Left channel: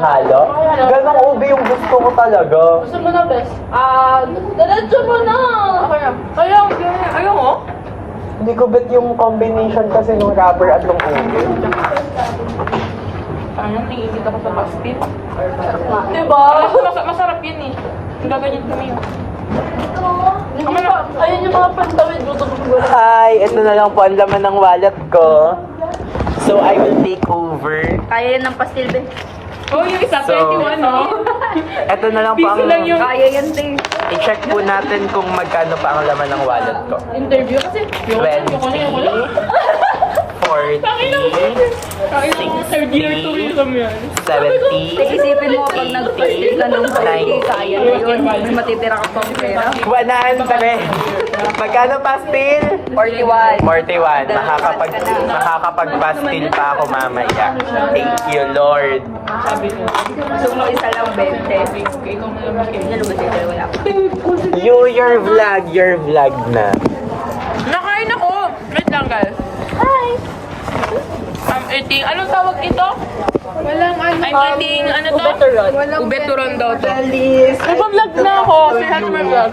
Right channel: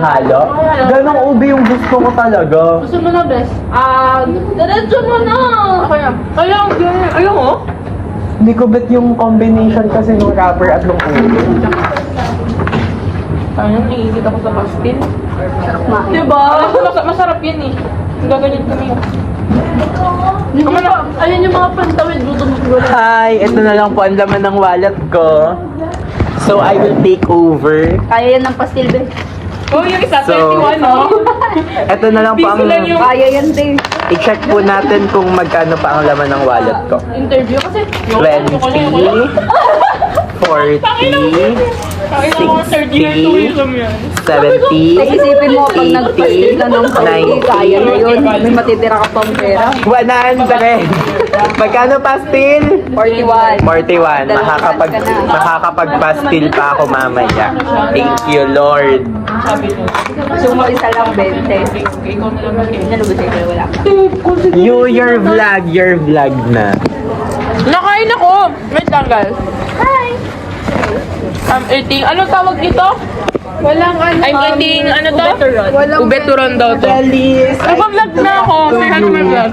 halo-halo. Ganong ube yung gusto ko talaga. Gusto mo na, best? Diretso mo na! Ako na. Ayaw mo? Hindi ko bet yung combination kasi ng wrapper at ng ube. Ayun, naiingit ako sa pastil. Diba? Alam ko, masarap yun eh. Gaganyan kami yun. Ayun yung mga pantawid, luto mo. Hi! Ito na lang po ang laman ng wallet ko. So, I will take over. Kaya yan ng pastil, be. Oh, yung isa, So, 21, no? Ito na lang po ang... Busy lang yung Kaya yan, be. I-check po natin kung magkano pa ang laman ng wallet ko. interview kasi. 20, 40, 60, 70, Isipin mo pag nagpastil ka ng 40, kaya na yun. May matitira ka pang pera. 100. Magkano pastil? 41. 41. Makakapag-pastil pa ako mamaya. Thank you, Lord. Sumo isa lang, 20. Nalubos na kayo, wala. Your vlog na. Nakain ako! Wait lang, guys. Hi! I'm eating, anong tawag dito? Walang ano. I'm eating, ano to? Walang Ube turon daw to. Nagbablog na ako. Ano may vlog?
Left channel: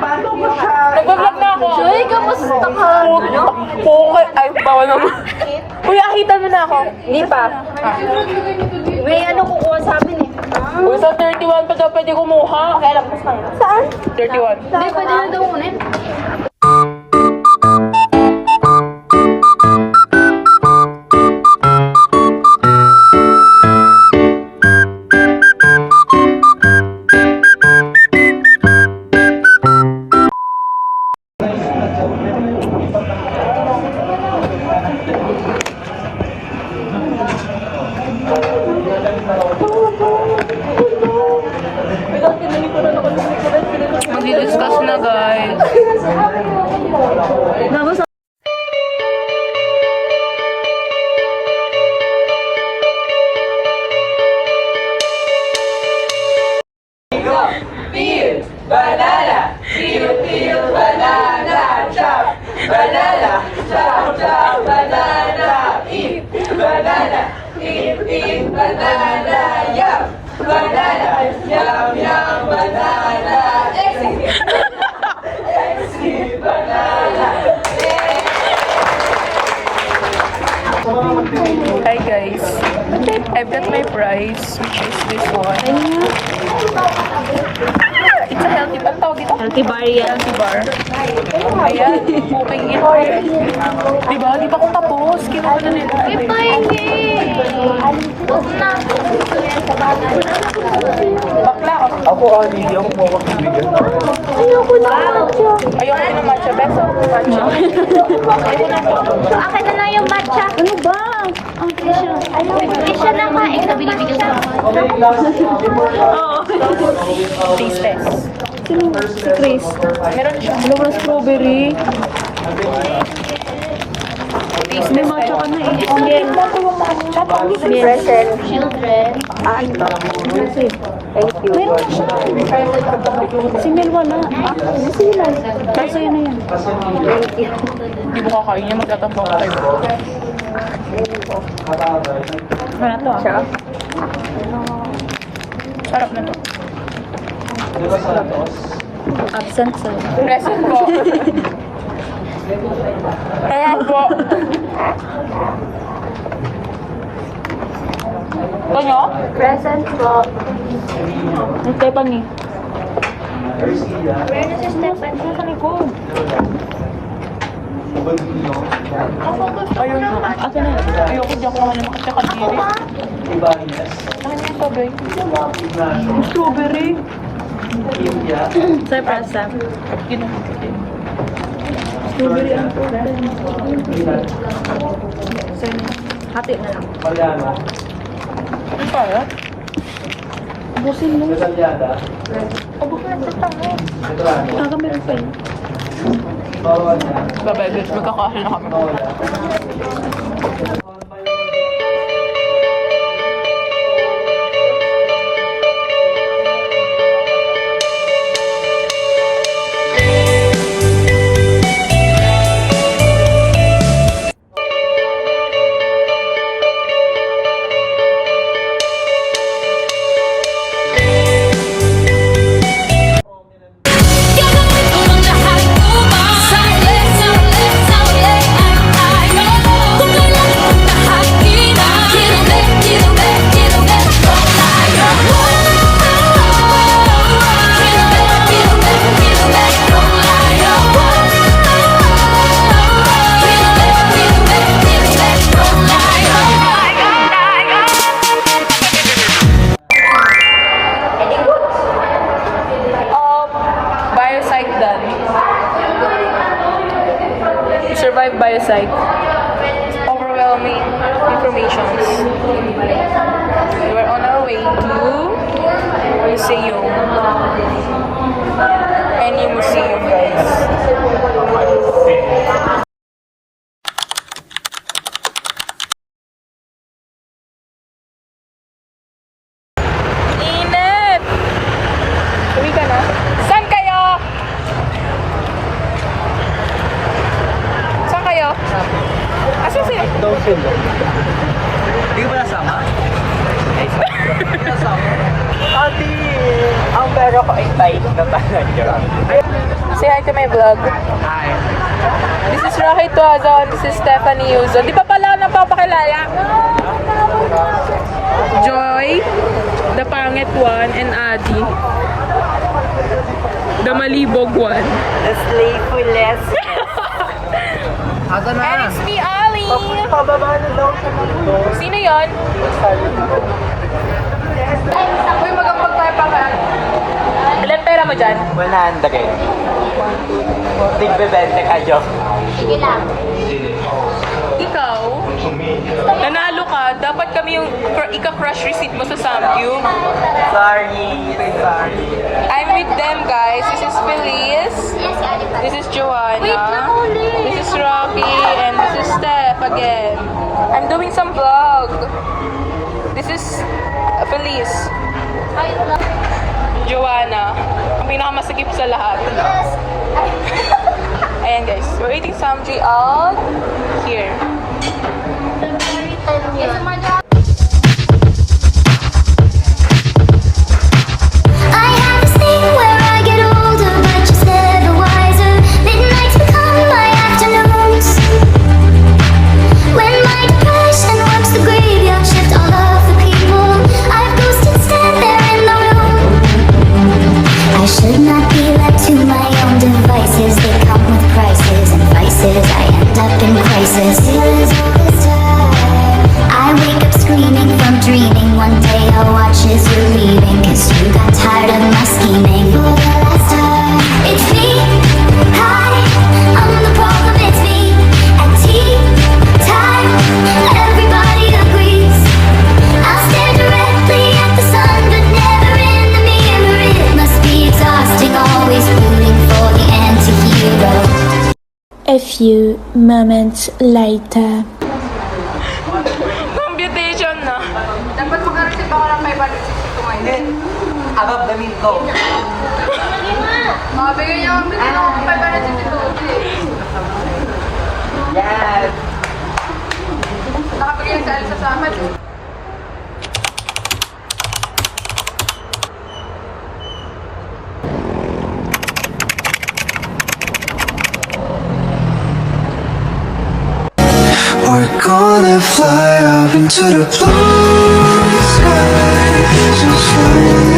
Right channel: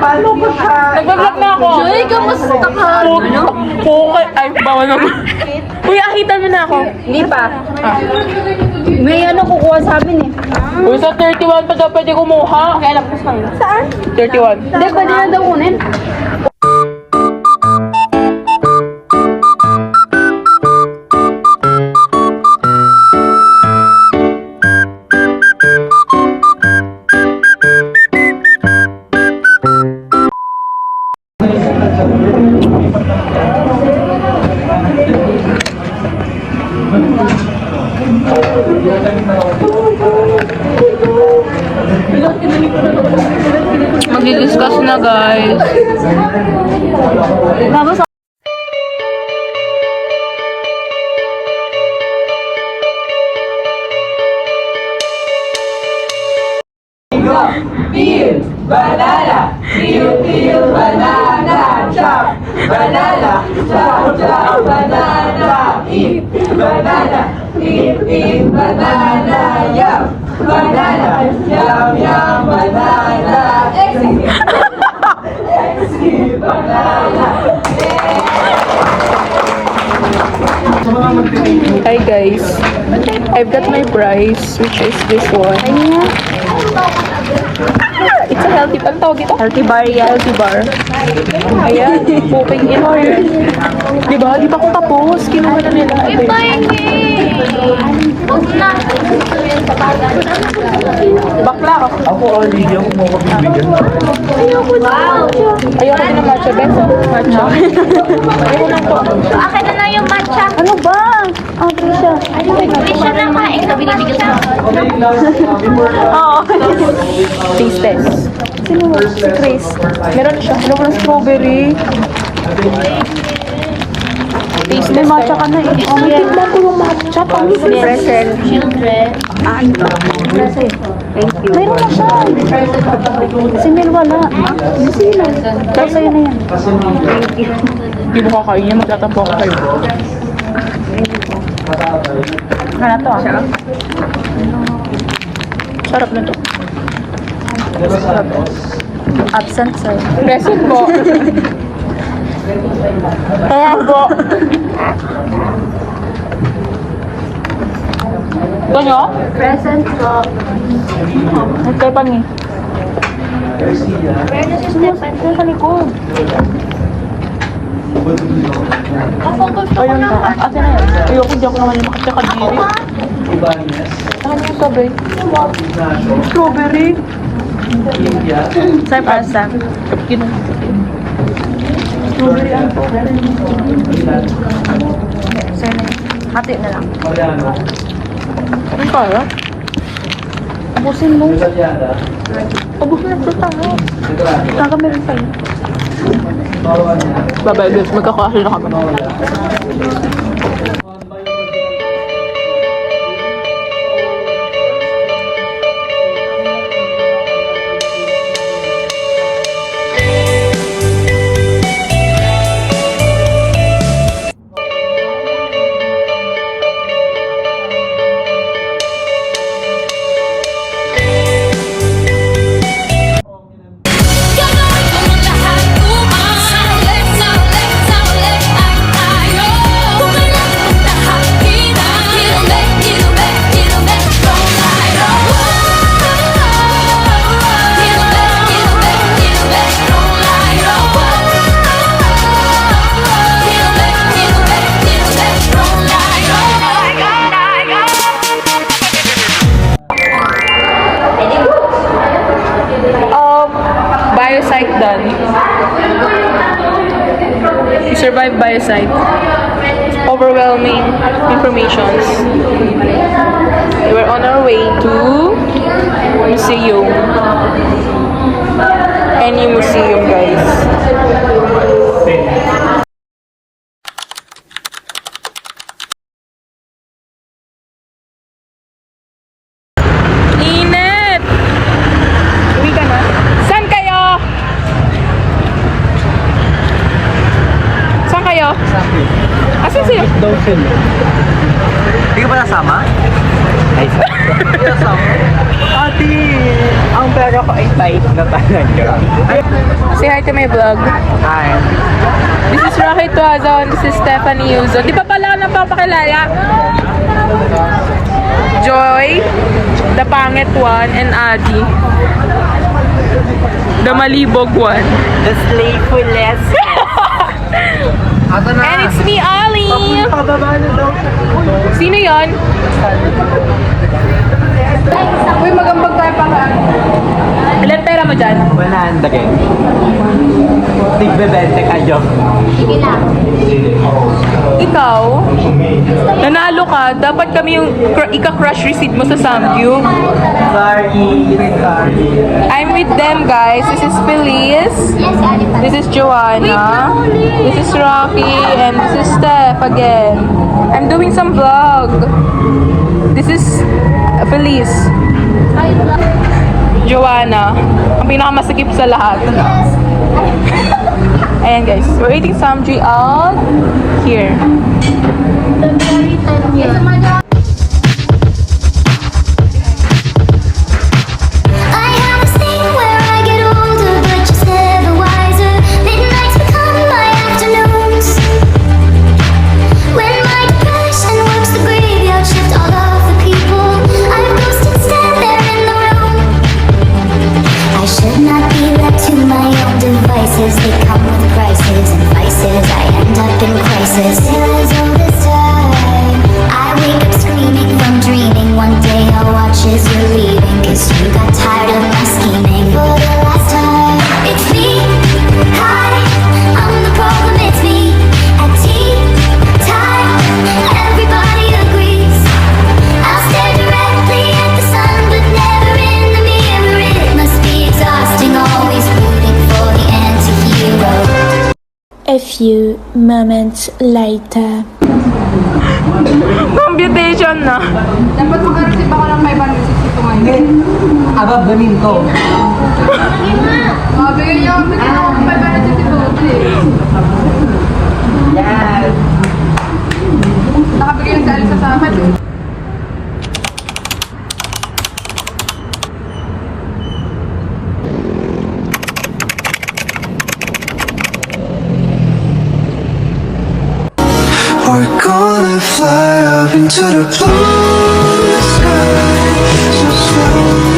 Paano ko siya? Nagbablog na ako. Ay, kamusta ka? Okay, ay, bawal naman. Kuya, kita mo na ako. Hindi pa. May ano kukuha sabi ni. Uy, sa 31 pa daw pwede kumuha. Kaya lang, push kayo. Saan? 31. Hindi, pwede na daw kunin. Magdi-discuss na, guys. Hi guys, I've got my prize, which is this one. It's a healthy, ano tawag ito? Healthy bar. Healthy bar. Ayan, poking in. Diba? Di ba ako tapos? Kinuha na nila. Ito yun. Bakla ako. Ayoko din ng matcha, beso. Matcha. Akin na lang yung matcha. Ano ba? Oh, Trisha. Hindi siya naman eh. Nabili-bili na ako. Oo. Taste test. Sino? Chris. Meron na siya. Meron na strawberry. Taste test. Matcha ka na eh. Tikman ko yung matcha. Present children. Meron na siya. Si Mil wala. Kasi na yan. Hindi mo kakain niya. Magtatampo ka kayo. Ano to? Sarap na to. Absent sa'yo. Present po. Kaya po. Ito nyo? Present ko. Ito pa ni. Ito sa likod. Ayun na. Ate na yun. Ayoko, hindi ako naman yung tsaka diri. Saan yung strawberry? Strawberry? Saan para sa? Kapkin. Hati na lang. Ano kaya? Abusin mo. Abos na ito tayo. Saka meron pa. Bye-bye guys. Magkakasin na kami. biopsych done. We survived biopsych. Overwhelming informations. We were on our way to museum. Any museum, guys. Init! Uwi ka na? Saan kayo? Saan kayo? Asan sila? Hindi ka ba nasama? Ay, hindi ka nasama? Ate, ang pera ko ay tight na talaga. Say hi to my vlog. Ay, This is Rocky Tuaza and this is Stephanie Yuzo. Di pa pala ako napapakilala? Joy, the pangit one, and Adi, the malibog one. the slayfulness. Ato na. And it's me, Ollie! Pababa na daw. Sino yon? Uy, magambag tayo pa ka. Ilan pera mo dyan? 100. Tigbebente kayo. Ikaw, nanalo ka. Dapat kami yung ika-crush receipt mo sa Samgyup. Sorry. I'm with them, guys. This is Feliz. This is Joanna. This is Rocky. And this is Steph again. I'm doing some vlog. This is Feliz. Joanna. Ang pinakamasakip sa lahat. Ayan, guys. We're eating samji out here. I have this thing where I get older, but just never wiser. Midnights become my afternoons. When my depression works the graveyard shift, all of the people I've ghosted stand there in the room. I should not be left to my own devices. They come with prices and vices. I end up in crisis. Feelings all this time. I wake up screaming from dreaming. One day I'll watch as you're leaving, 'cause you got tired of my scheming. For the last time, it's me. Hi, I'm the problem, it's me. At tea time, everybody agrees. I'll stare directly at the sun, but never in the mirror. It must be exhausting, always rooting for the anti-hero. A few moments later. Computation na. Dapat mag-receive ako ng 562 ngayon. Abab gamin ko. Bigyan niyo ako ng 562. Yes. Nakabigay sa alisa sa akin. We're gonna fly up into the blue sky, so slowly.